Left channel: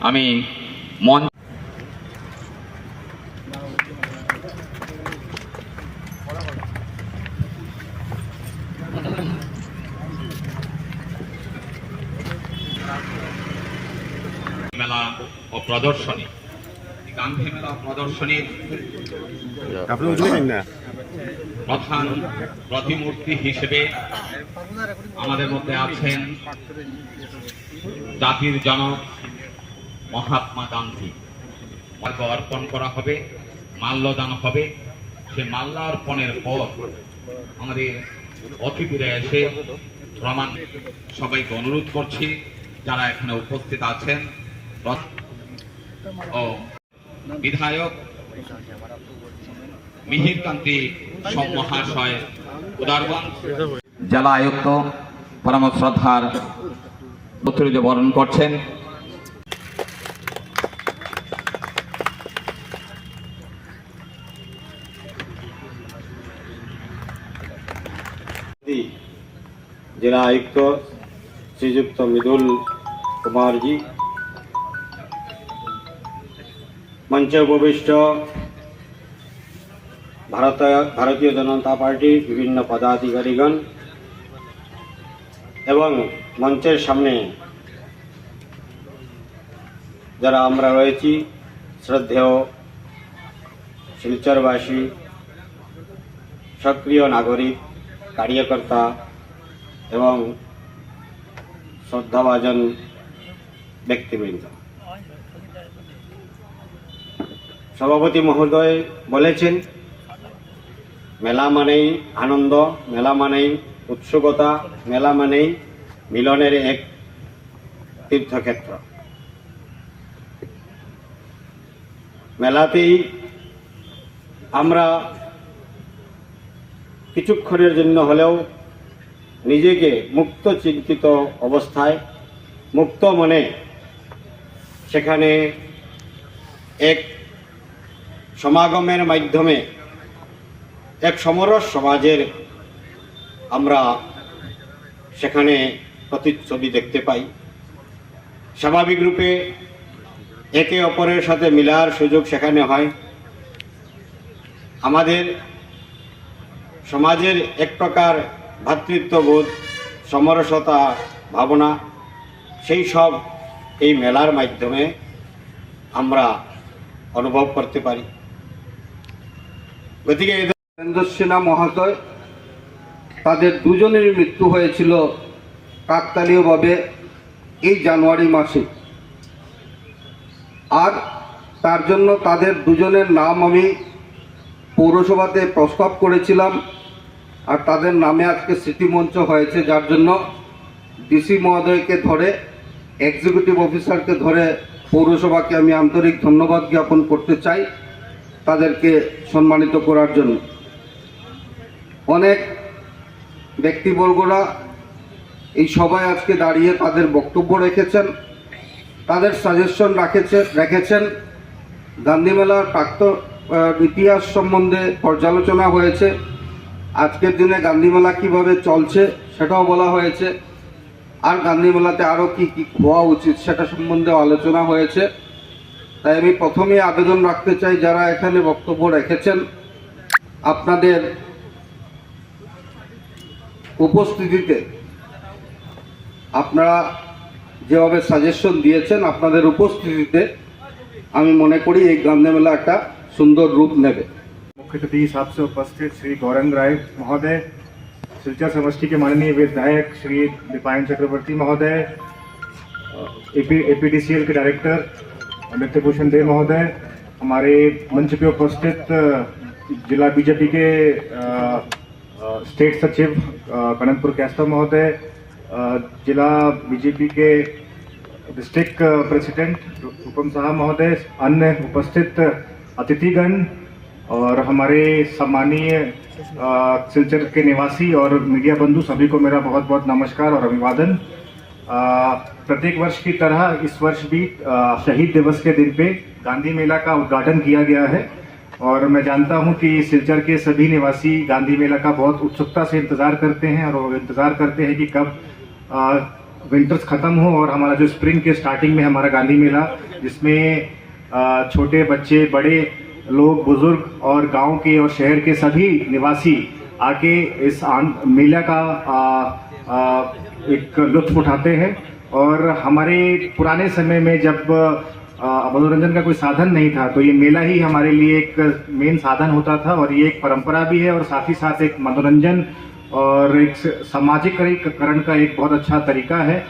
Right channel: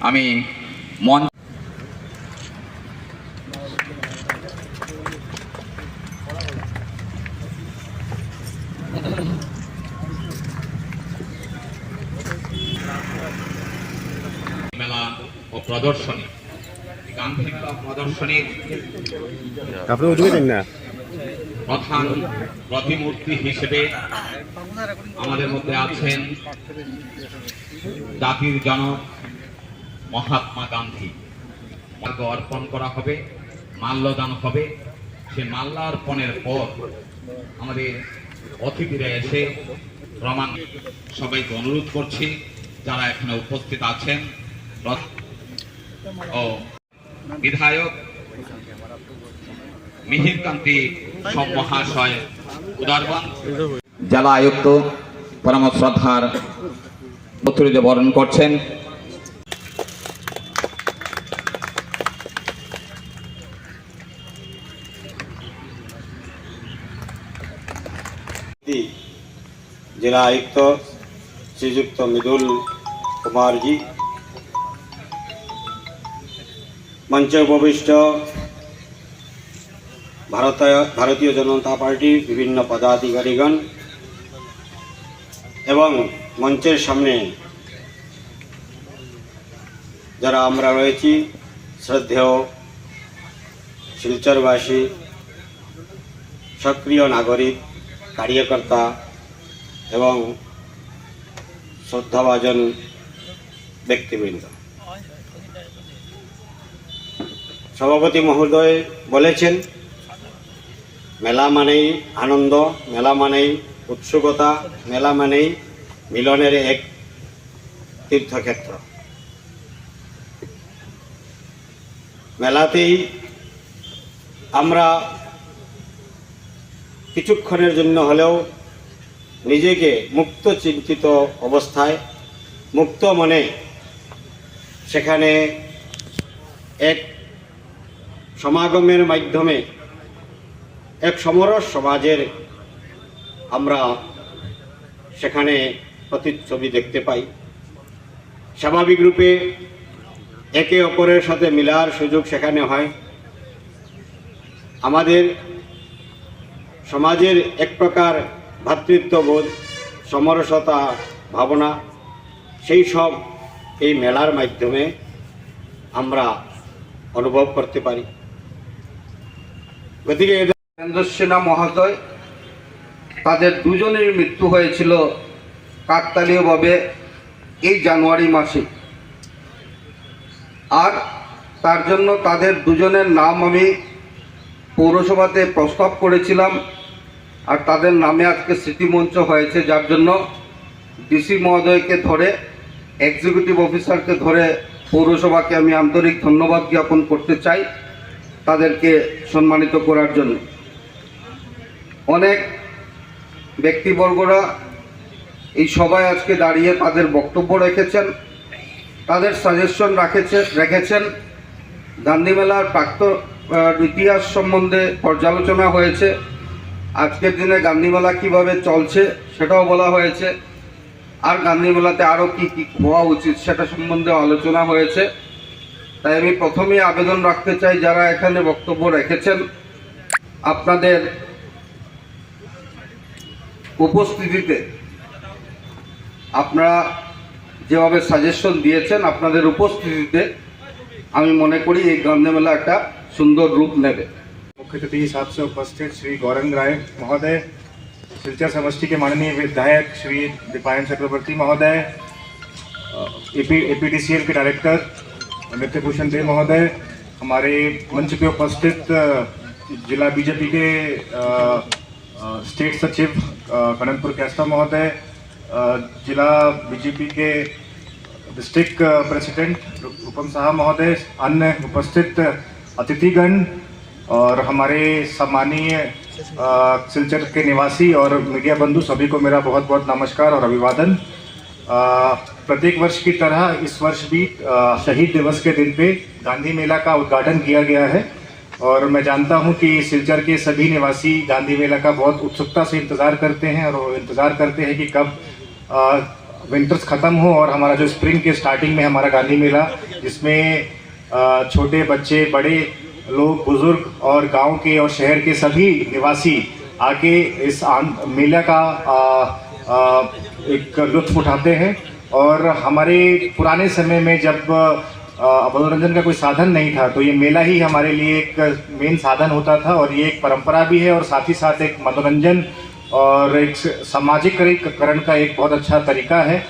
আমি মন মেলা ও প্রদর্শনী। প্রদর্শনীর প্রধান প্রতিমূর্তি হিসেবে আমাদের মধ্যে আছেন জাতির জনক মহাত্মা গান্ধী। মাল্য অর্পণ করা হবে মাল্যদান হবে। সে মাল্য অর্পণের পর আমাদের অতিথিরা এসে প্রমাণ সবাইকে অনুরোধ করছি, যারা এখানে উপস্থিত আছেন। ও বিধায়ক মিহির কান্তি সব মহাশয় উদারবান জেলা আয়ুক্ত পরম শ্রদ্ধার বরণ করছেন। জেলা আয়ুক্ত শ্রীযুক্ত মৃদুল কুমার জি। মঞ্চে উপবিষ্ট ভারত ভারতীয় জনতা পার্টির বিভিন্ন পদাধিকারীগণ এবং মঞ্চের সামনে যারা আমরা রয়েছি, শ্রদ্ধেয় শিলচরবাসী, সক্রিয় নাগরিক, কার্যকর্তা এবং শ্রদ্ধাভাজন ব্যক্তিবৃন্দ। সভাপতি মহোদয় বলেছেন, মেলা মানেই আনন্দ, মেলা মানেই উৎসুকতা, মেলা মানেই মিলনের এক তীর্থক্ষেত্র। মেলাতেই আমরা কিছুক্ষণের জন্য হলেও নিজেকে মুক্ত চিন্তিত অবস্থায়, মুক্ত মনে, সেখানে এক সমাগমের মাধ্যমে, এক সমরস সমাজের আমরা সেখানে প্রতিচ্ছবি দেখতে পাই। স্বাভাবিক রূপে একে অপরের সাথে মিলার সুযোগ সেখানে হয়। আমাদের সমাজের এক প্রকার ভ্রাতৃত্ববোধ সমরসতা ভাবনা, সেই সব এই মেলার মাধ্যমে আমরা অনুভব করতে পারি। গতিকে এদের সিনহা মহাশয়, তাদের দুজনের মৃত্যু হয়েছিল কাকতালীয়ভাবে এই জানুয়ারি মাসে। আর তার জন্য তাদের দুজনের নাম আমি পৌরসভাতে প্রস্তাব করেছিলাম। আর তাদের নামে আজকে স্মৃতিমঞ্চ হয়েছে, যার জন্য ডিসি মহোদয়কে ধরে এক্সিকিউটিভ অফিসারকে ধরে পৌরসভাকে আমি আন্তরিক ধন্যবাদ জ্ঞাপন করতে চাই তাদেরকে সম্মানিত করার জন্য। অনেক ব্যক্তিবর্গরা এই সবাই আজকে দাঁড়িয়ে তাদের বক্তব্য রেখেছেন, তাদের সাজেশন রাখেছে রেখেছেন। গান্ধী মেলার প্রাক্ত ইতিহাস সম্বন্ধে পর্যালোচনা হয়েছে। আজকের দিনে গান্ধী মেলা কীভাবে চলছে সেটাও বলা হয়েছে। আর গান্ধী মেলাতে আরও কী কী হওয়া উচিত সেটা সম্বন্ধে আলোচনা হয়েছে। তাই আমি প্রথমেই আবেদন রাখতে চাই, যারা এখানে বক্তব্য রেখেছেন, আপনাদের উপস্থিতিতে আপনারা যেভাবে সাজেশন দিয়েছেন, আপনাদের উপস্থিতিতে আমি মনে করি এই গান্ধী মেলা একটা সুন্দর রূপ নেবে। मुख्य अतिथि हिसाब से उपस्थित श्री गौरंग राय महोदय, सिलचर समष्टि के माननीय विधायक श्री दीपायन चक्रवर्ती महोदय एपीडीसीएल के डायरेक्टर नित्य भूषण देव महोदय, हमारे मंच पे उपस्थित जिला बीजेपी के स्टेट सचिव कनकपुर कैस्टा महोदय जिला बीजेपी के डिस्ट्रिक्ट प्रेसिडेंट उपम साहा महोदय, अन्य उपस्थित अतिथिगण और हमारे सम्मानीय सिलचर के निवासी और मीडिया बंधु सभी को मेरा बहुत बहुत नमस्कार और अभिवादन। प्रत्येक वर्ष की तरह इस वर्ष भी शहीद दिवस के दिन पे गांधी मेला का उद्घाटन किया गया है। और मैं जानता हूँ कि सिलचर के सभी निवासी गांधी मेला का बहुत उत्सुकता से इंतज़ार करते हैं और वो इंतज़ार करते हैं कि कब विंटर्स ख़त्म हो और हमारा जो स्प्रिंग के स्टार्टिंग में हमारा गांधी मेला, जिसमें छोटे बच्चे, बड़े लोग बुज़ुर्ग और गाँव के और शहर के सभी निवासी आके इस मेला का अ, अ, एक लुत्फ उठाते हैं और हमारे पुराने समय में जब मनोरंजन का कोई साधन नहीं था तो ये मेला ही हमारे लिए एक मेन साधन होता था और ये एक परंपरा भी है और साथ ही साथ एक मनोरंजन और एक सामाजिकरण का एक बहुत अच्छा तरीका है।